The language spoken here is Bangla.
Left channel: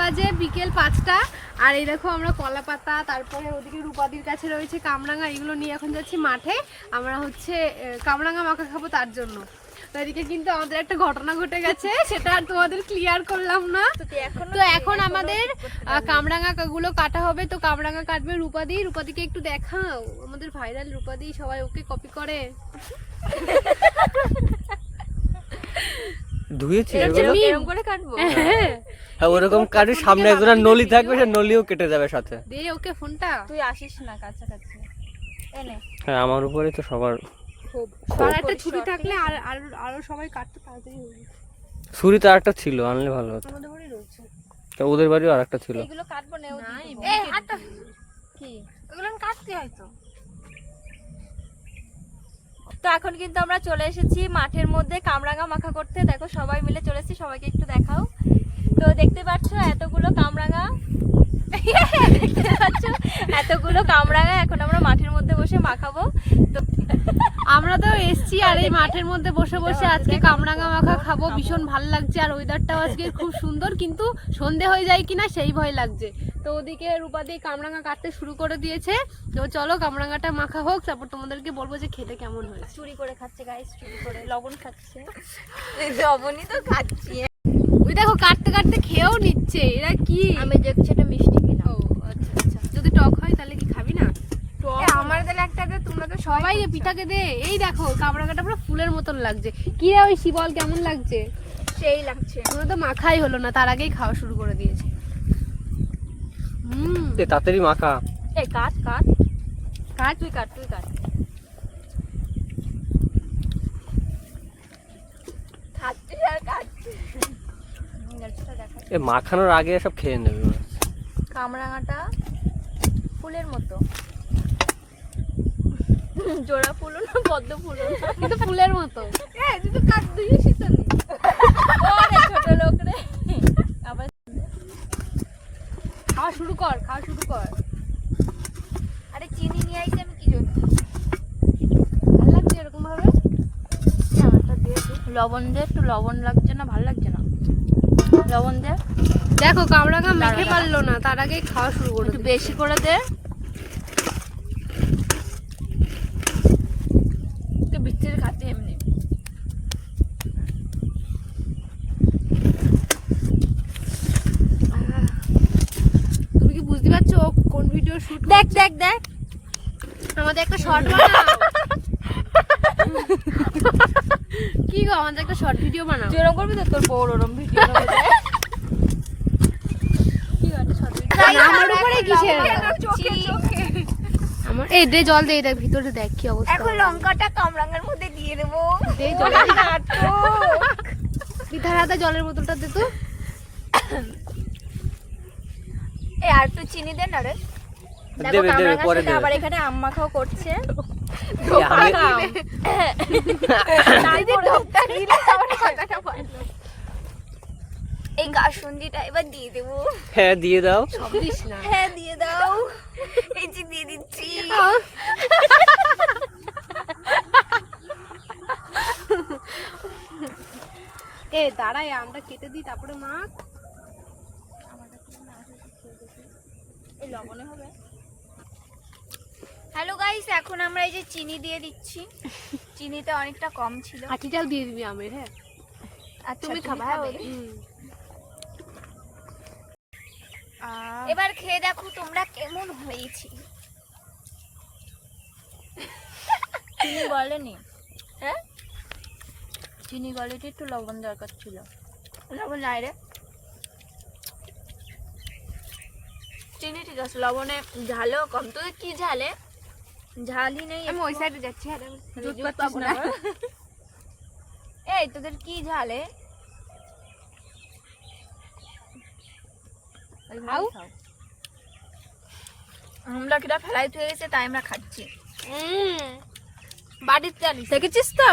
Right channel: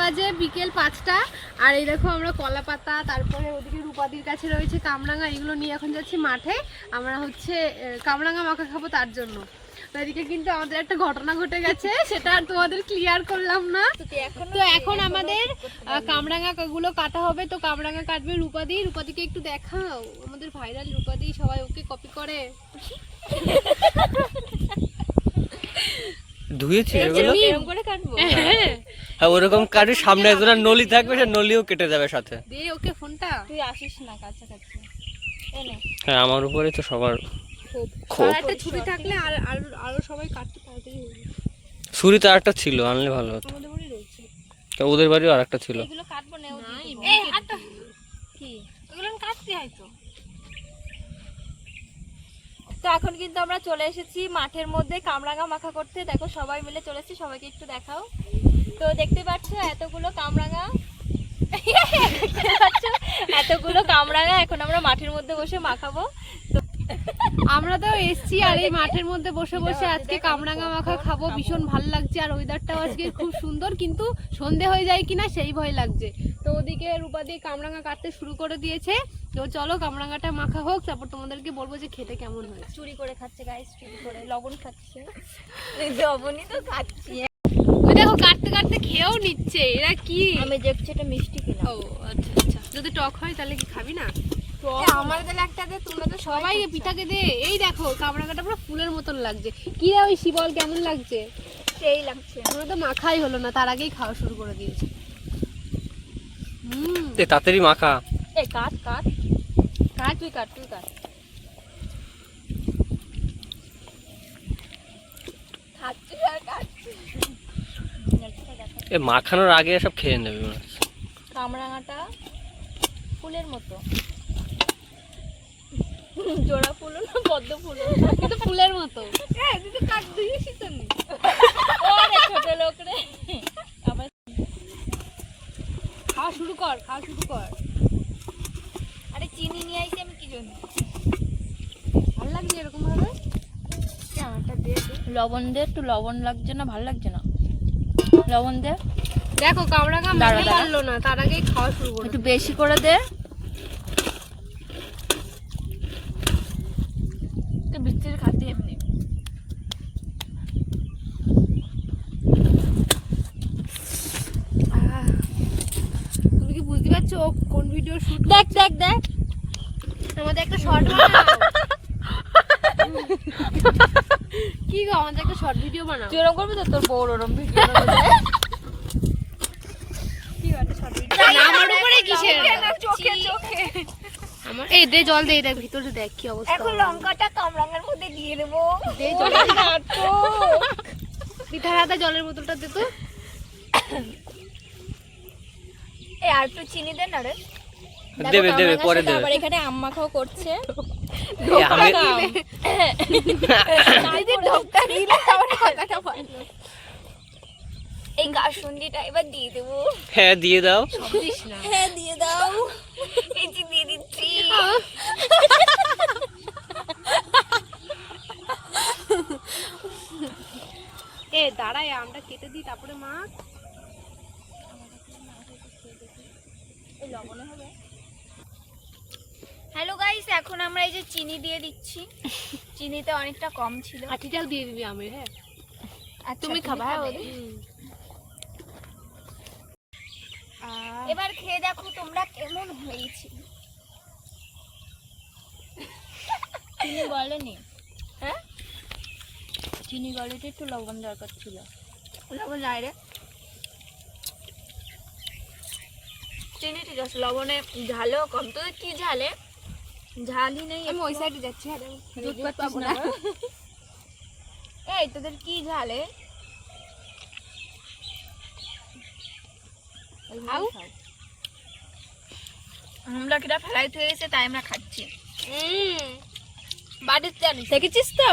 বাজে বিকেল 5টা। আর এই দেখো আমরা কলা পাতা, তারপরে ওদিকে রূপাদির কাছে রয়েছে কামরাঙা, এগুলো নিয়ে এখন যাচ্ছি মাঠে। আমরা হচ্ছে কামরাঙা মাখা খাবো তার জন্য। তো এদিকে কিন্তু আমাদের একটা ঘটনা ঘটে গেছে, সেটা আর তোমাদের ক্লিয়ার করলাম না। তো এখন আমাদের কামরাঙা গুলো কাটা হবে। তো কামরাঙা কাটবে রূপাদি। রূপাদিকে একটু দেখাও, আমাদের ভাইরাল রূপাদি, সবাই ওকে কপি করে। ধুয়েছি এগুলো এরকম করে কাটবো। হ্যাঁ ওরকম কাটি, সামনে একজন নলি থাকবে, সে নলিও কেটে যাবে সাথে। দে ওকে ফোনটা। তুই আসিস না কাছাকাছি। এনে হ্যাঁ আমার উপরে তো সবার আর একটা ছুরি থাকলে আর আরো সবাই কাটতে তাড়াতাড়ি হয়ে যাবে। ছুরি তো আরেকটা ছিল, আনলে ভালো হতো। আমাদের বাড়ি রয়েছে। তো ওদের বাড়িও আরেকটা ছিল। এগুলো কাটবো না, ও এই হাতটা কি ওগুলো কাটতে হয় তো। তো এখন কিন্তু আমরা চলে এসেছি মাঠের মধ্যে কামরাঙা মাখা করতে। দেখো সবাই মিলে চলেছি, সবাইকে একটু দেখাও। তো দেখতে পাচ্ছ এতগুলো কামরাঙা, এতগুলো কামরাঙা এখন আমরা মাঠের মধ্যে বসে মাখাবো। তো আমরা তো এসছি আর এই মাঠের মধ্যে বসে বসে আজকে কামরাঙা মাখা খাবো। ভীষণ ভালো লাগছে, আর ওয়েদারটাও আজকে খুব সুন্দর, কিন্তু সন্ধে হয়ে যায় কিনা সেই ভয় লাগছে। তো ওদিকে রূপাদি কামরাঙা কাটতে শুরু করে দিয়েছে। তো চলো কামরাঙাটা মাখা হোক, তারপর তোমাদেরকে বলবো যে খেতে কেমন হয়েছে। চুরি করে খাচ্ছে গাইস, চুরি করে লবণ খাচ্ছে। লবণই তো খাচ্ছি। ওই দেখো কাটতে কাটতে খেয়েও নিচ্ছে। এরা কি? আমি দেখছি এটা মিষ্টি কিনা। ও আচ্ছা আচ্ছা, যদি টক হয় তাহলে কি খাবি না? আমার দিলে একটা দে, তোমরা তো সবাই পিঠাকে দে। এই দেখো কামরাঙাটা পুরো ফুলের মতন লাগছে। কি রে ওই শিবল, কেমন লাগছে? সেই লাগছে। তোমরা তো মাখাই হলো না, তার আগেই খাওয়া শুরু করে দিয়েছে। তাড়াতাড়ি মাখা। এই কাট কাট কাট, তুই কাট, তুই কাট। খাচ্ছি আর কাটছি। এ মাখানোর আগে সব খেয়ে নেবে মনে হচ্ছে। কামরাঙাটা ফুলের মতো, জোড়া ফুল না পদ্ম ফুল না, কিন্তু ফুলের মতো। হ্যাঁ তুই তো কাট দিয়েছিস তো। ওরে ছোট লোক রে। আবার খাওয়া শুরু কর, খাওয়া শুরু কর। আরে চিনি নিয়ে আইছি আমি, কি জন্য? ভালো লাগছে এরকম ভাবে? লবণ দে, একটু লবণ লাগছে না? ভালো লাগছে না? লবণ দে। দেখো কামরাঙা মেখে পারলো না, তার আগে খাওয়া শুরু করে একটু দিয়েছে। বেশি করে দে। তো ভিতরে খাতে এমনি। তুমি কি বুঝতে পারছো ও কোন ভিডিও শুট? দেখ দেখ দেখ, আমাদের একটা শর্ট বানাও। কি গো, আমাদের একটা শর্ট ভিডিও বানাও। যেরকম করবি তো তোর বড় ওরম ভিডিও করবে। কি একটা শর্ট ভিডিও। আমার উপরে কিসের? এই দে জল দে, দেখ ভিতরে দেখ কি অবস্থা। এখন লঙ্কাটা কামরাঙার মধ্যে দিয়ে দেবো। দে জল। পিঠার হাতে জলের বোতলটা দে তো। এই আর একটু চিনি দে না রে। দেবে দেবে পরে দেবে। আবার এখানে আম মাখাও করছে। আমি এই কাসুন্দিটা এবার দিয়ে দেবো। হ্যাঁ দিয়ে দাও। দিস না। হ্যাঁ দিয়ে দাও। এই যে দিয়ে দিচ্ছি। এ দাঁড়ায়, আমটা কেটে দিই তারপরে মাখ। হ্যালো গাইস, এখন আমরা এই যে চিনি দিয়ে দিচ্ছি। চিনিটা অনেকটা কম ছিল। আটি চাল দিয়ে দিবি আমের। হ্যাঁ আচ্ছা, তুমি খাবে? হ্যাঁ এবার খেয়ে দেখো তোমরা কেমন হয়েছে। চিনি গলেনি? হ্যাঁ চিনি গলেতে একটু লবণ দরকার ছিল। লবণ নাই রে, চিনি ঠিক আছে, লবণে ঝালও কম। তোদের কি ঝালে? ঝালই নেই। আমি ওই সাইডে যাচ্ছি। হ্যাঁ দুধ পাবো না। এই তোদের কি ঝালে? আমরা কিটা ফেলাই থেকে গেছে, তাই আমরা খাচ্ছি। বাড়িতে জানিস দেখেছিস তো?